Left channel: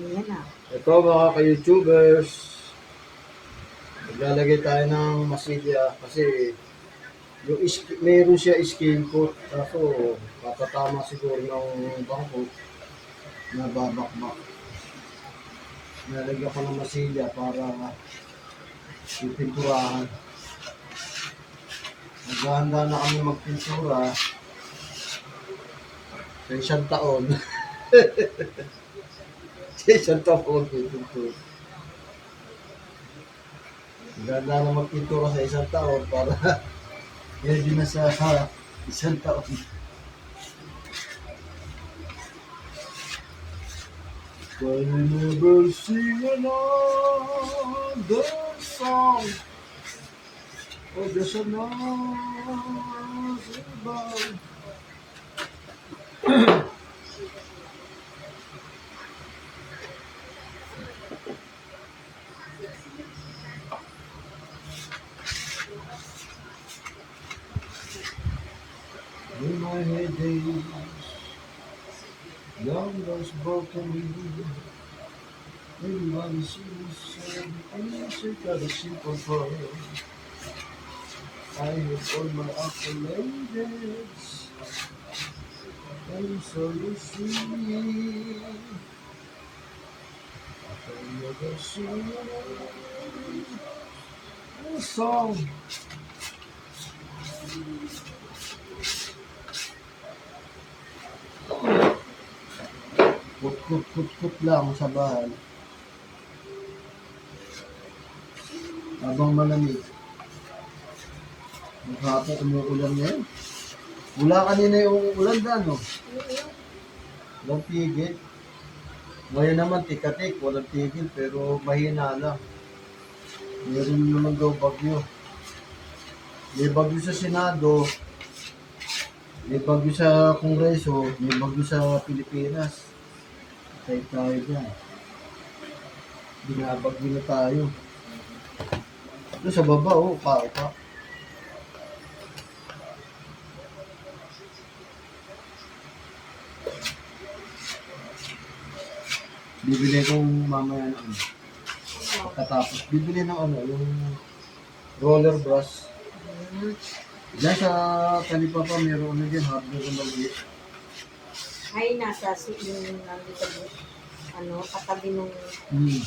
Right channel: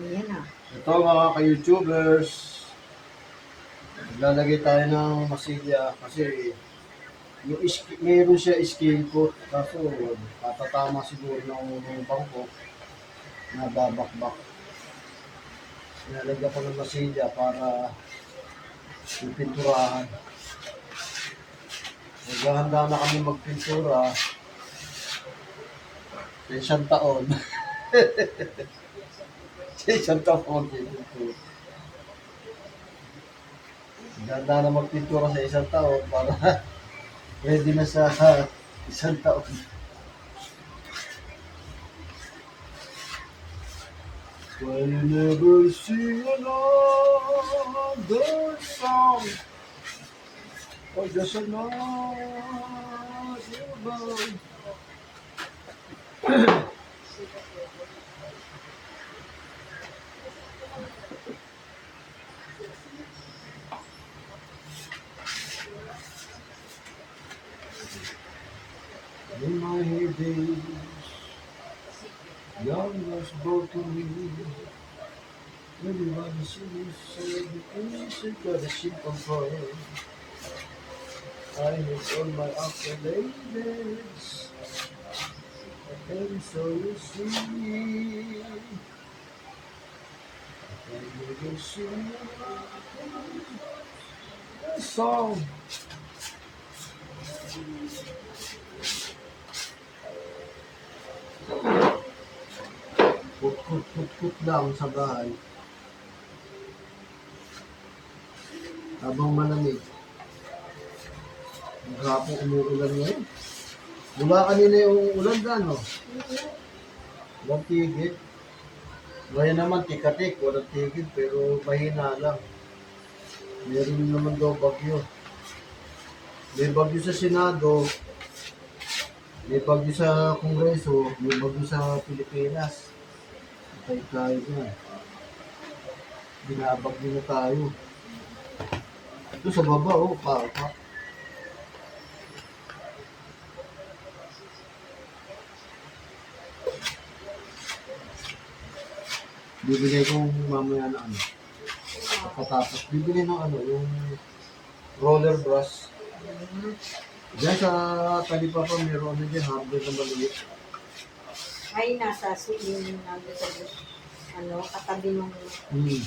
Ayan ah. Ito mga ka-YouTubers, maglalagay tayo ng masilya kasi yung iski, meron siya skin coat kaso matatama siguro ng bangko na babakbak. Nalagyan ko ng masilya para pipinturahan. Naghahanda na kami magpintura sa taon. sa isang taon pipintura. Ganda na magpintura sa isang taon para ready na sa isang taon. I'll never sing another song or just another bound. In my heydays, young was broken. Everybody sees so innocent, got a simple boy. I have all my accolades, and so you see. I can never sing a song. Kut kut kut kut lang sa bahay. Habang malamig. Maghapon umuulan ngayon. Mula kanina yung ulan dyan, no? Walang tigil. Ngayon naman, tikatik, walang tigil, pero mahina lang. Meron naman daw bagyo. May bagyo sa Senado, may bagyo sa Kongreso, may bagyo sa Pilipinas. Patay tayo dyan. Binabagyo na tayo. Doon sa baba, oh, kaupa. Bibili kong mamaya na ano. Pagkatapos, bibili ng ano, yung roller brush. Diyan sa talipa pa, meron ano dyan, hardware na maliit. Ay, nasa yung nandito ano, katabi nung Hmm.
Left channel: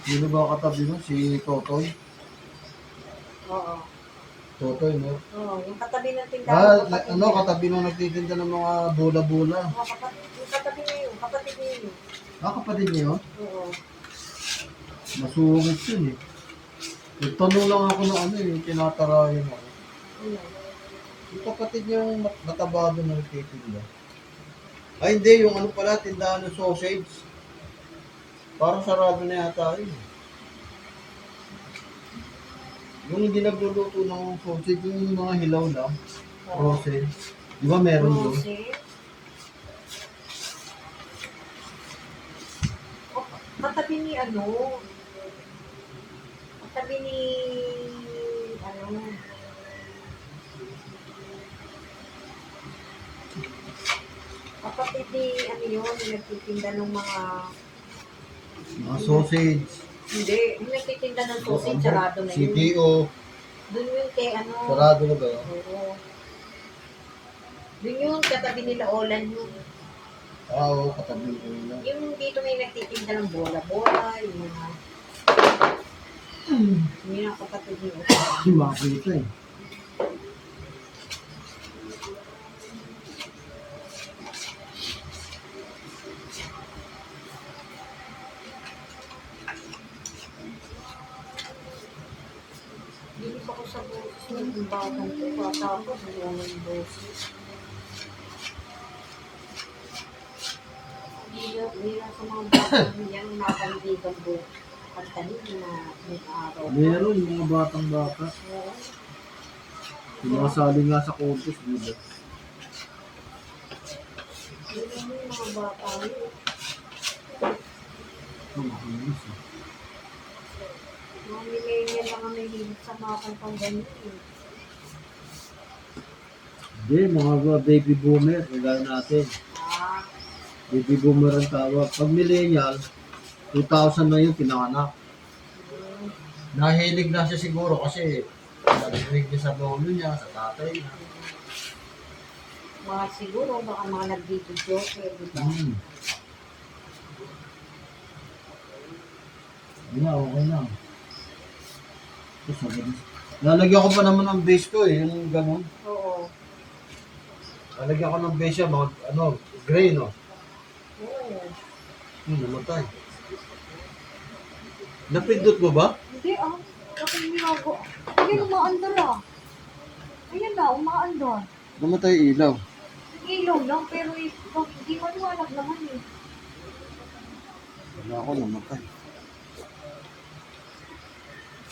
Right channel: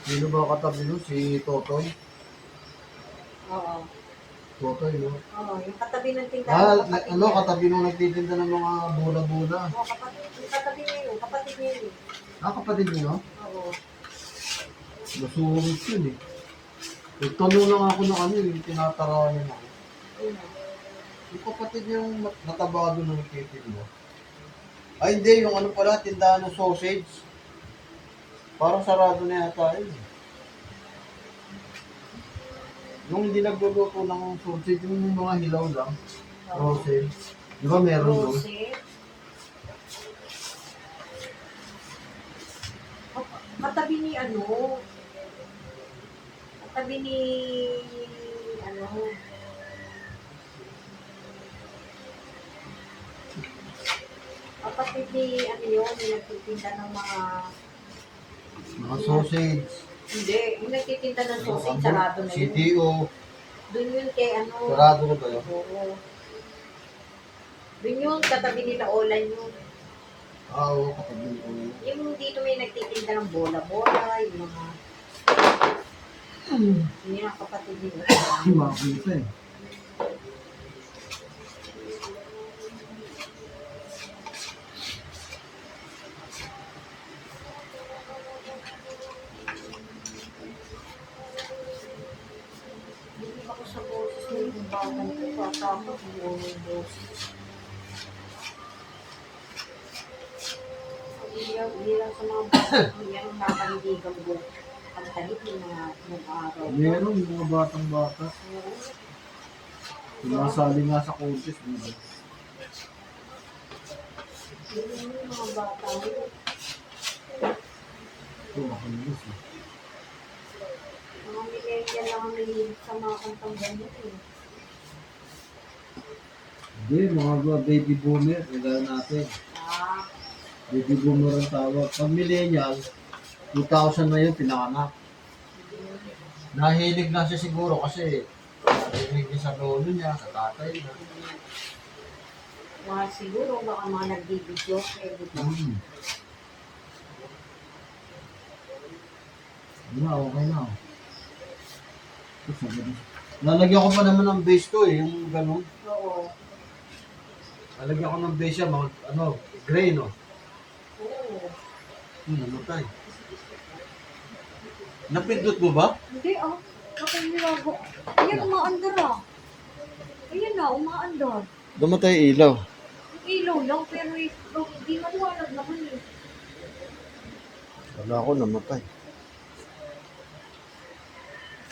Sino ba katabi nun? Si Totoy? Oo. Totoy, no? Oo, yung katabi ng Ah, tindahan. na- kapatid ano, niya. katabi nung nagtitinda ng mga bula-bula. Oo, kapatid, yung katabi niya yun, kapatid niya yun. Ah, kapatid niyo? Oo. Masungit yun eh. Nagtanong lang ako ng ano eh, tinatarayan ako. Yun o. Yung kapatid yung mat- natabado na nagtitinda. Ay hindi, yung ano pala, tindahan ng sausage. Parang sarado na yata yun. Yung hindi nagluluto ng sausage, yung mga hilaw lang, frozen. Di ba meron doon? Rose. Katabi ni ano, katabi ni ano, kapatid ni ano yun, yung nagtitinda ng mga, Mga sausage. hindi, yung nagtitinda ng sausage, Ang- sarado na yun. CTO. Doon yun kay ano, Sarado na ba yun? oo. Doon yun, katabi nila Olan yun. Ah, oo, katabi nila. Yung dito may nagtitinda ng bola-bola, yung mga... Hindi na kapatid nila. Makita eh. Boses imbagan ko. Tatapos yung boses. Hindi hindi lang sa mga bata, hindi ang nakahidigang buong pagtalit na nag-araw. Meron yung mga batang bata. Oo. Sumasali nga sa contest, di ba? Yun yung mga bata. Ito, makalis eh. Mga millennial lang ang nahilig sa mga kantang ganyan. eh. Hindi, mga baby boomer, kagaya natin. Ah, Baby boomer ang tawag. Pag millennial, 2000 na yun, pinanganak. Nahilig na siya siguro kasi narinig niya sa lolo niya, sa tatay niya. mga siguro, baka mga nagbibidyo, eh, di ba? Hmm. Yun na, okay na. Na- Lalagyan ko pa naman ng base ko eh, yung ganun. Oo. Lalagyan ko ng base siya, mga ano, gray no. Oo. Hmm, namatay. Napindot mo ba? Hindi ah. Ako nilago. Ayan, umaandar ah. Ayan na, umaandar. Namatay ilaw. Ilaw lang, pero eh, bak- hindi maliwanag naman eh. Wala ko, namatay.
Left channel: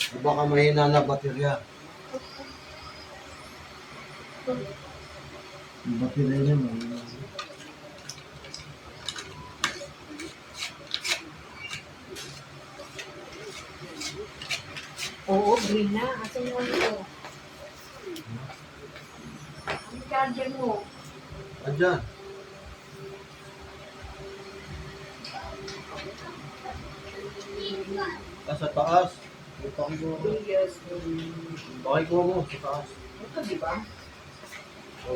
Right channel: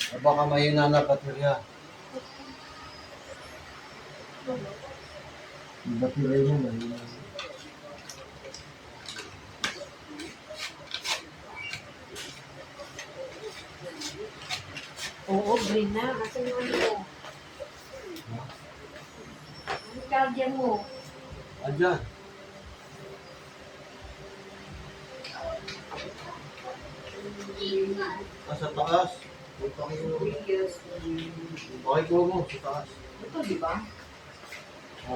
O baka mahina na baterya. Yung baterya niya mahina. Oo, green na. Asan yung ano ko? Ang charger mo. Andyan. Ah, sa taas. May pakiko. Videos. Pakiko mo, sa taas. Ito, di ba?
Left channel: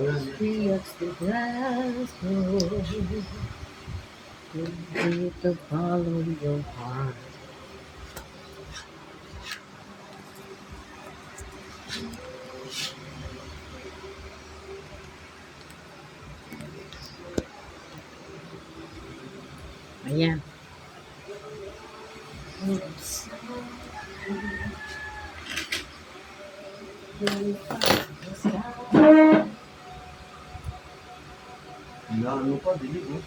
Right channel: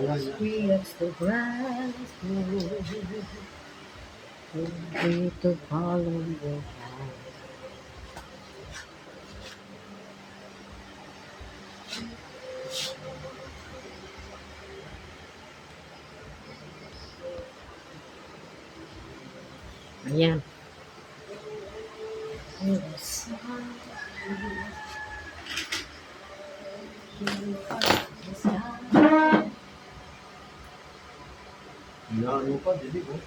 Yes, the grass grows beneath the to follow your heart. Pa, dilig oh.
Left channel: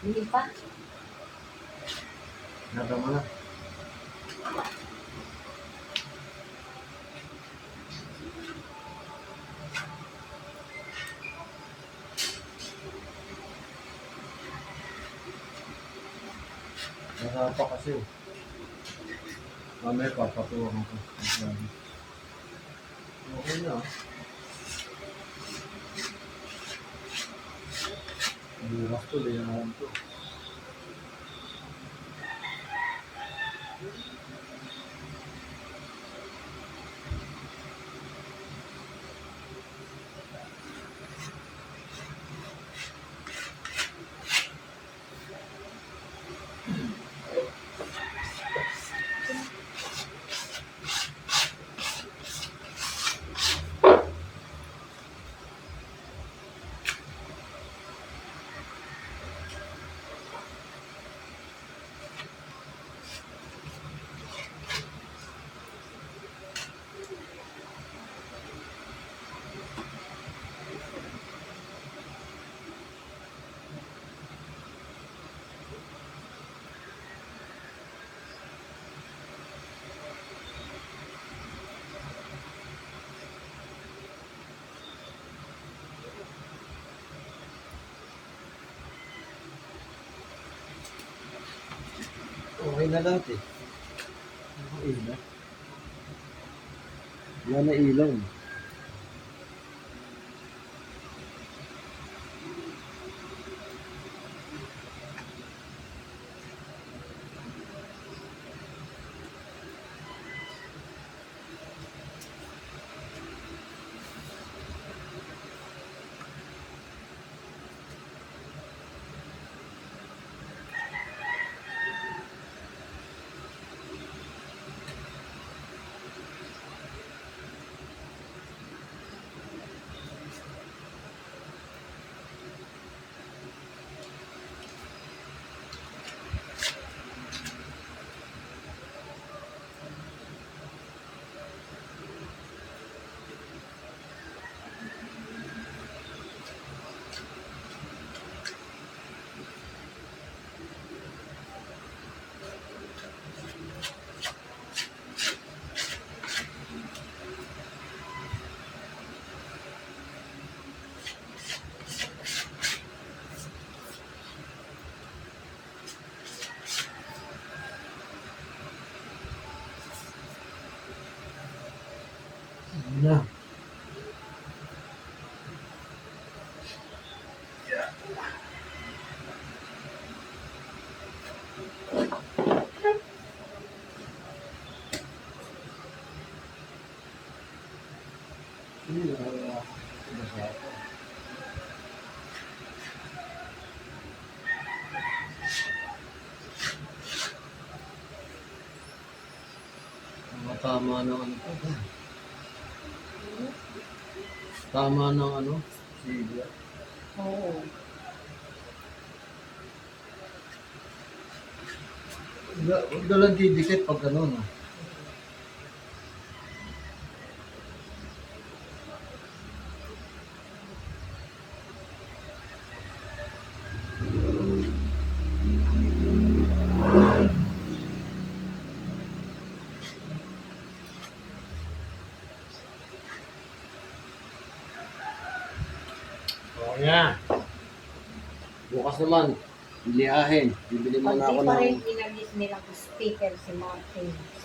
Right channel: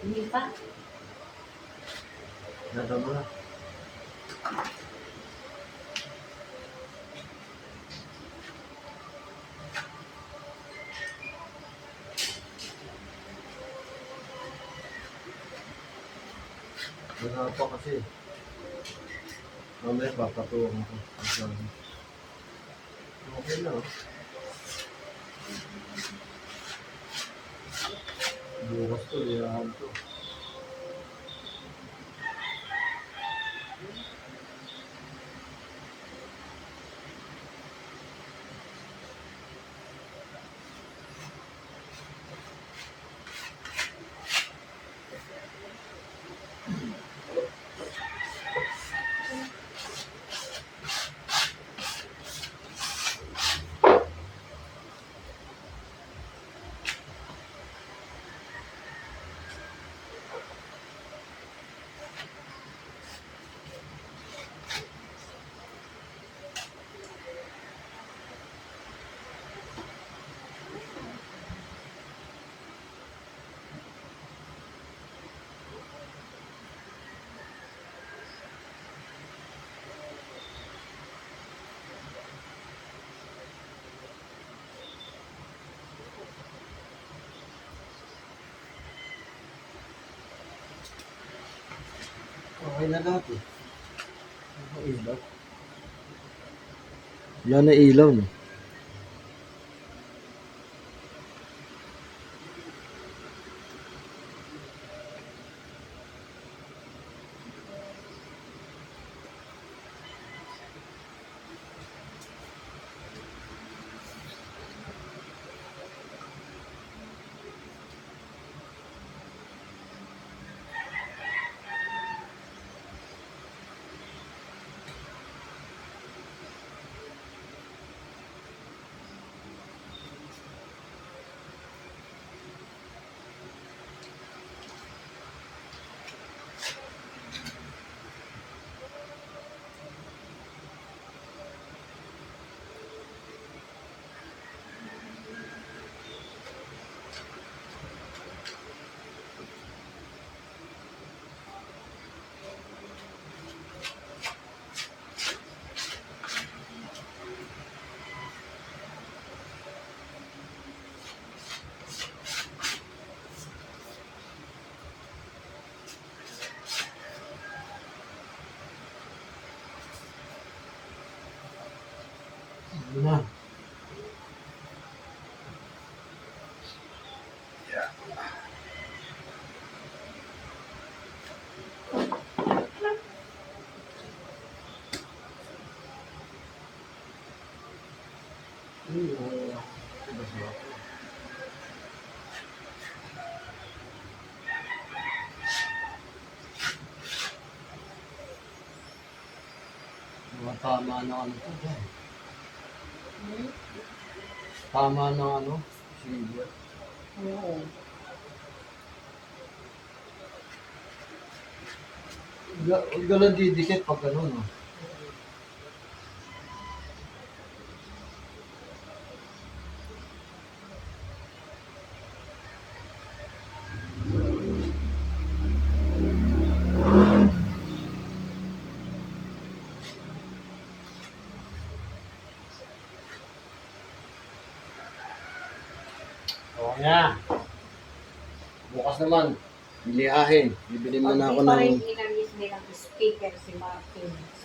Hindi pa. Nadama na. Wala pa kasi. Mamaya papatuwang ako. Masyado. Okay na. Bukas to, liyahan to. Okay na lahat eh. Ilaw. Wala na ilaw no. Tama na ano. Tama na ano. Sige. Oo. Huwag ka lang didikit pag ano, no? Oo nga. Bukas naman, bilihahin. Bibili Pag muna di ako pa ng... rin inalis nilang speaker si Martin sa